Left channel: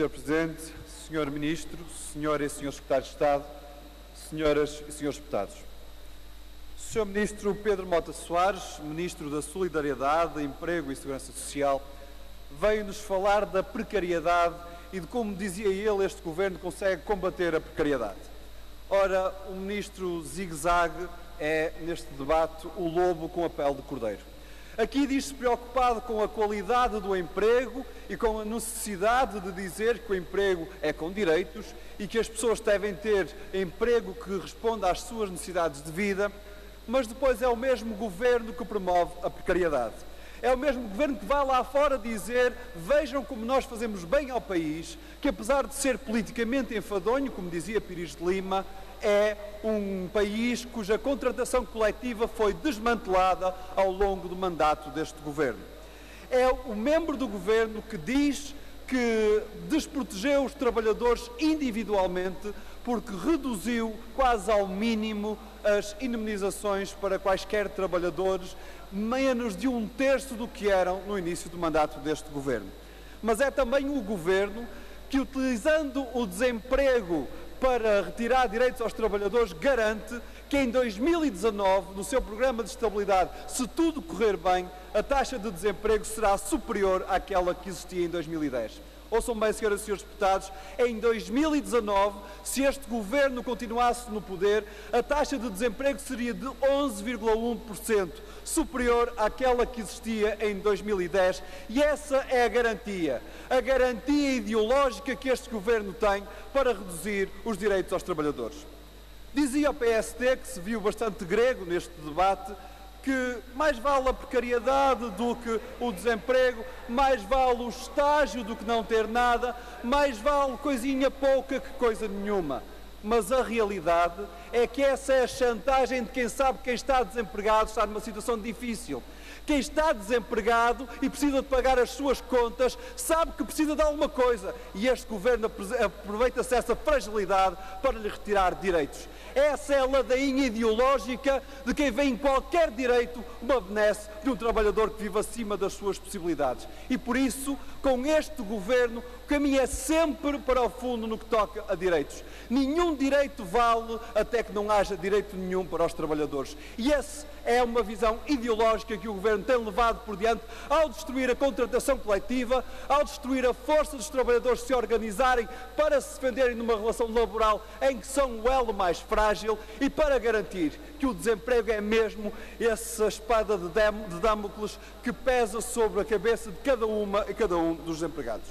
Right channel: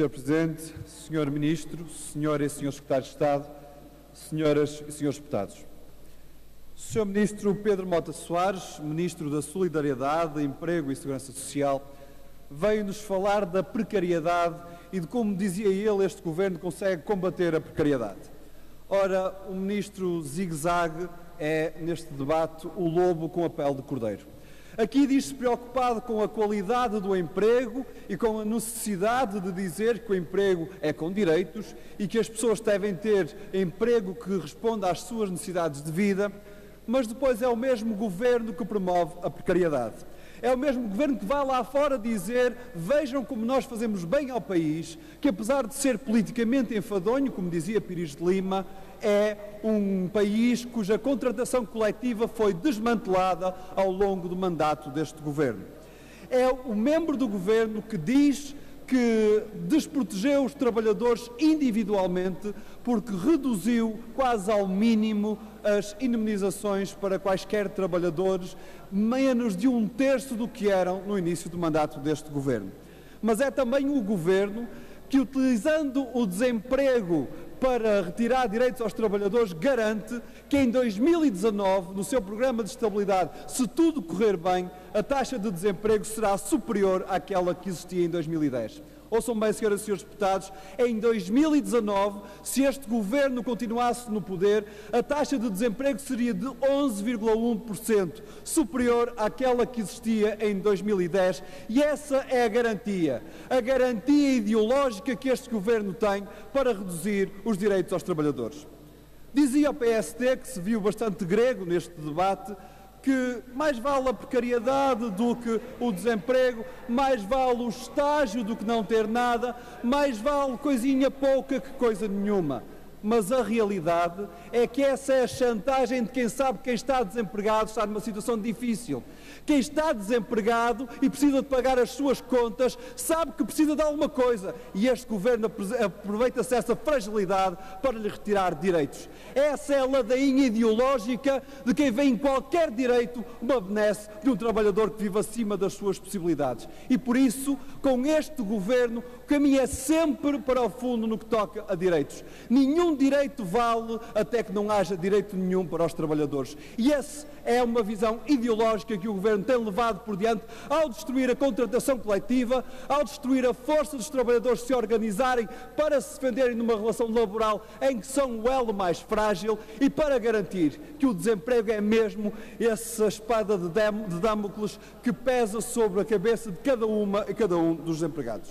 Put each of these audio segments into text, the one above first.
Sr. Presidente, Sr. Ministro, Sra. e Sr. Secretário de Estado, Senhoras e Srs. Deputados. Sr. Ministro Pedro Mota Soares, Ministro da Solidariedade, Emprego e Segurança Social, veio-nos falar da precariedade e de como, dizia ele, este Governo consegue combater a precariedade. Ora, o Ministro zigue-zague é, neste debate, o lobo com a pele de cordeiro. Aqui diz-se preocupado com a qualidade do emprego e com a necessidade de dizer que o emprego é com direitos e que as pessoas devem ter emprego que responda às suas necessidades de vida, mas depois é o mesmo Governo que promove a precariedade. É o mesmo Governo que vai lá fora dizer: vejam como nós fazemos bem ao país, que apesar de ser politicamente enfadonho, como dizia Pires de Lima, é um país cuja contratação coletiva foi desmantelada ao longo do mandato deste Governo. É o membro do Governo que diz que desprotegeu os trabalhadores individualmente porque reduziu quase ao mínimo as indemnizações para quaisquer trabalhadores, menos de 1/3 do que eram no início do mandato deste Governo. Mas é também o Governo que, utilizando o desemprego para retirar direitos aos trabalhadores, garante que em 2019, no seu programa de estabilidade, se tudo correr bem, a taxa de desemprego será superior àquela que existia em 2010. Ouçam bem, senhoras e senhores deputados, em 2019, se este Governo continuasse no poder, a taxa de desemprego seria de 11,1%, superior àquela que existia em 2010, e essa é a garantia ideológica que este Governo tem para reduzir os direitos aos trabalhadores. Dizia o PSD, que se viu bastante grego neste debate, que mais vale a precariedade do que o desemprego, mais vale o estágio do que não ter nada, mais vale coisinha pouca que coisa nenhuma. Mas a realidade é que essa é a chantagem de quem sabe que quem está desempregado está numa situação difícil. Quem está desempregado e precisa de pagar as suas contas sabe que precisa de alguma coisa e este Governo aproveita-se dessa fragilidade para lhe retirar direitos. Essa é a ladainha ideológica de quem vê em qualquer direito uma benesse de um trabalhador que vive acima das suas possibilidades. E por isso, com este Governo, o caminho é sempre para o fundo no que toca a direitos. Nenhum direito vale até que não haja direito nenhum para os trabalhadores. E essa é uma visão ideológica que o Governo tem levado por diante ao destruir a contratação coletiva, ao destruir a força dos trabalhadores se organizarem para se defenderem numa relação laboral em que são o elo mais frágil e para garantir que o desemprego é mesmo essa espada de Damocles que pesa sobre a cabeça de cada uma e cada um dos desempregados.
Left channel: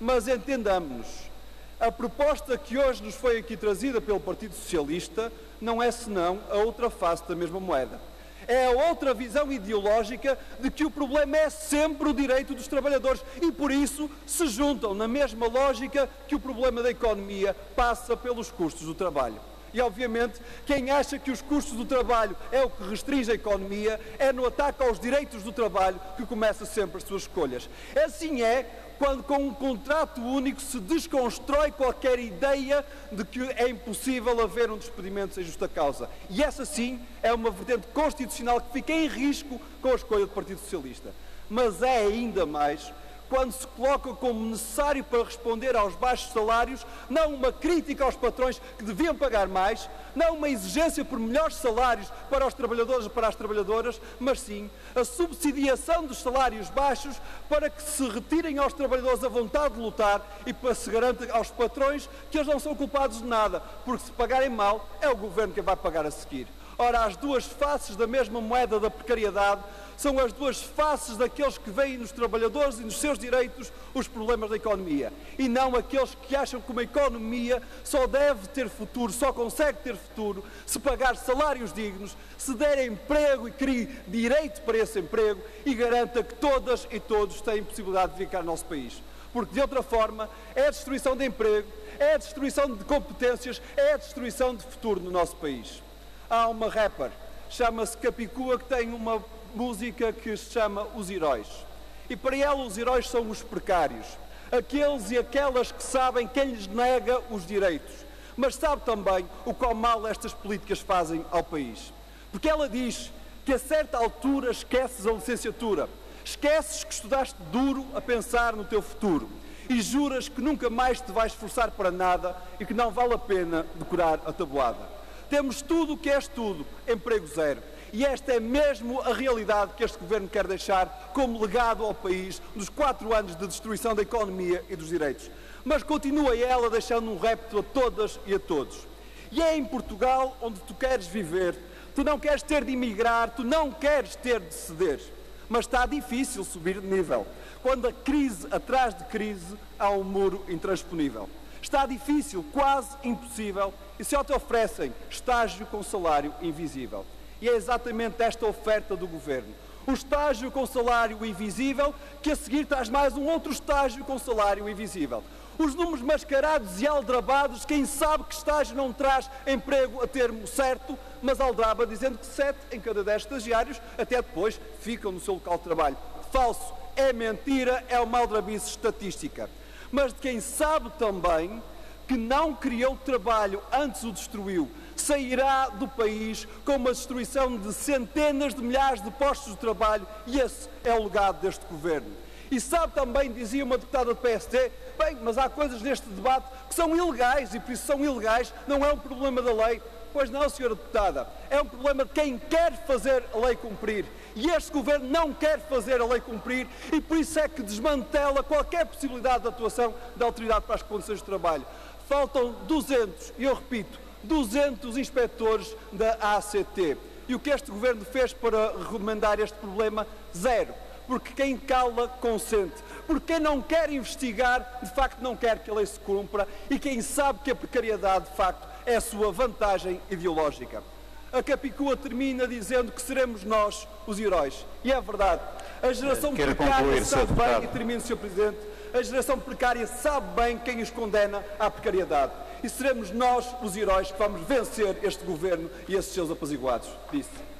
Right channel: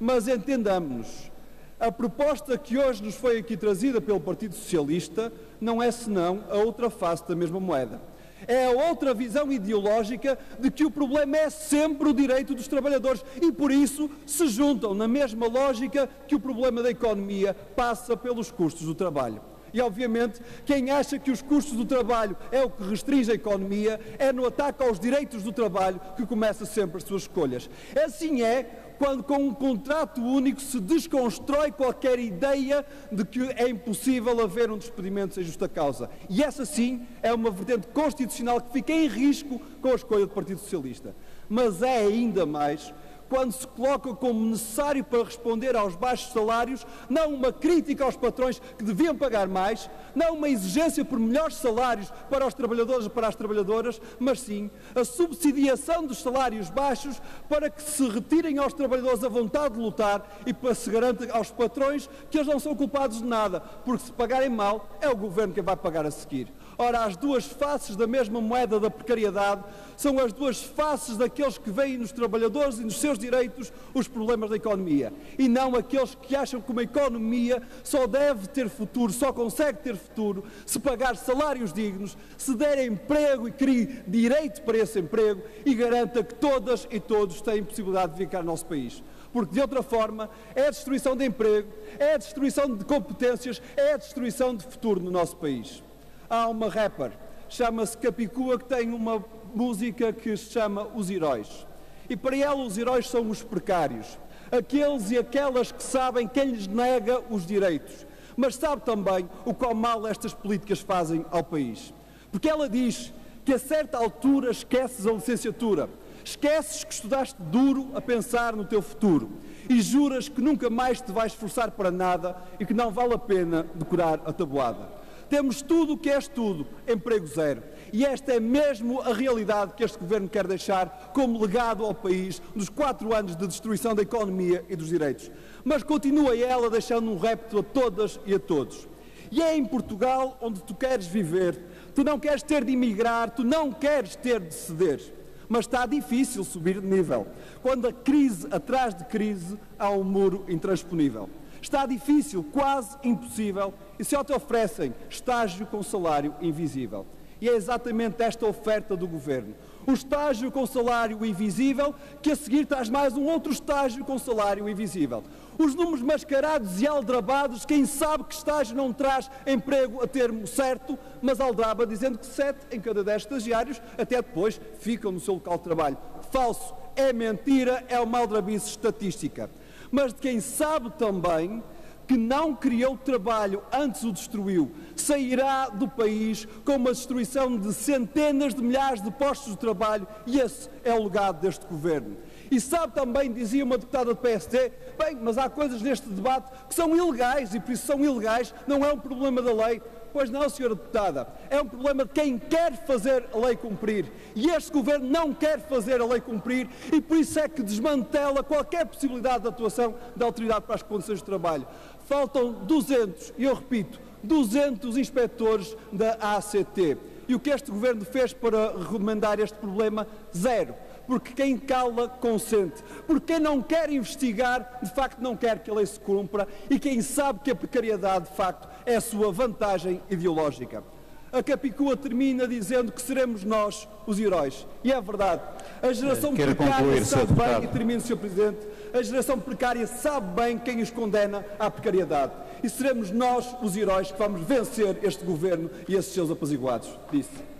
Mas entendamos-nos, a proposta que hoje nos foi aqui trazida pelo Partido Socialista não é senão a outra face da mesma moeda. É a outra visão ideológica de que o problema é sempre o direito dos trabalhadores e, por isso, se juntam na mesma lógica que o problema da economia passa pelos custos do trabalho. E, obviamente, quem acha que os custos do trabalho é o que restringe a economia é no ataque aos direitos do trabalho que começa sempre as suas escolhas. Assim é quando com um contrato único se desconstrói qualquer ideia de que é impossível haver um despedimento sem justa causa. E essa sim é uma vertente constitucional que fica em risco com a escolha do Partido Socialista. Mas é ainda mais quando se coloca como necessário para responder aos baixos salários, não uma crítica aos patrões que deviam pagar mais, não uma exigência por melhores salários para os trabalhadores e para as trabalhadoras, mas sim a subsidiação dos salários baixos para que se retirem aos trabalhadores a vontade de lutar e para se garante aos patrões que eles não são culpados de nada, porque se pagarem mal é o Governo quem vai pagar a seguir. Ora, as duas faces da mesma moeda da precariedade são as duas faces daqueles que veem nos trabalhadores e nos seus direitos os problemas da economia e não aqueles que acham que uma economia só deve ter futuro, só consegue ter futuro se pagar salários dignos, se der emprego e crie direito para esse emprego e garanta que todas e todos têm possibilidade de vir cá ao nosso país. Porque, de outra forma, é a destruição de emprego, é a destruição de competências, é a destruição de futuro no nosso país. Há uma rapper, chama-se Capicua, que tem uma música que se chama Os Heróis. E para ela os heróis são os precários, aqueles e aquelas que sabem quem lhes nega os direitos, mas sabe também o quão mal estas políticas fazem ao país. Porque ela diz que a certa altura esqueces a licenciatura, esqueces que estudaste duro a pensar no teu futuro e juras que nunca mais te vais esforçar para nada e que não vale a pena decorar a tabuada. Temos tudo o que és tudo, emprego zero. E esta é mesmo a realidade que este Governo quer deixar como legado ao país nos 4 anos de destruição da economia e dos direitos. Mas continua ela deixando um repto a todas e a todos. E é em Portugal onde tu queres viver, tu não queres ter de emigrar, tu não queres ter de ceder. Mas está difícil subir de nível, quando a crise atrás de crise há um muro intransponível. Está difícil, quase impossível, e só te oferecem estágio com salário invisível. E é exatamente esta oferta do Governo. Um estágio com salário invisível, que a seguir traz mais um outro estágio com salário invisível. Os números mascarados e aldrabados, quem sabe que estágio não traz emprego a termo certo, mas aldraba dizendo que 7 em cada 10 estagiários até depois ficam no seu local de trabalho. Falso, é mentira, é uma aldrabice estatística. Mas de quem sabe também que não criou trabalho, antes o destruiu, sairá do país com uma destruição de centenas de milhares de postos de trabalho, e esse é o legado deste Governo. E sabe também, dizia uma deputada do PSD, bem, mas há coisas neste debate que são ilegais, e por isso são ilegais, não é um problema da lei. Pois não, senhora deputada, é um problema de quem quer fazer a lei cumprir. E este Governo não quer fazer a lei cumprir, e por isso é que desmantela qualquer possibilidade de atuação da Autoridade para as Condições de Trabalho. Faltam 200, e eu repito, 200 inspectores da ACT. E o que este Governo fez para remendar este problema? Zero. Porque quem cala, consente. Porque quem não quer investigar, de facto não quer que a lei se cumpra, e quem sabe que a precariedade, de facto, é a sua vantagem ideológica. A Capicua termina dizendo que seremos nós os heróis. E é verdade. A geração precária sabe bem, e termino, Sr. Presidente, a geração precária sabe bem quem os condena à precariedade. E seremos nós os heróis que vamos vencer este Governo e esses seus apaziguados. Disse.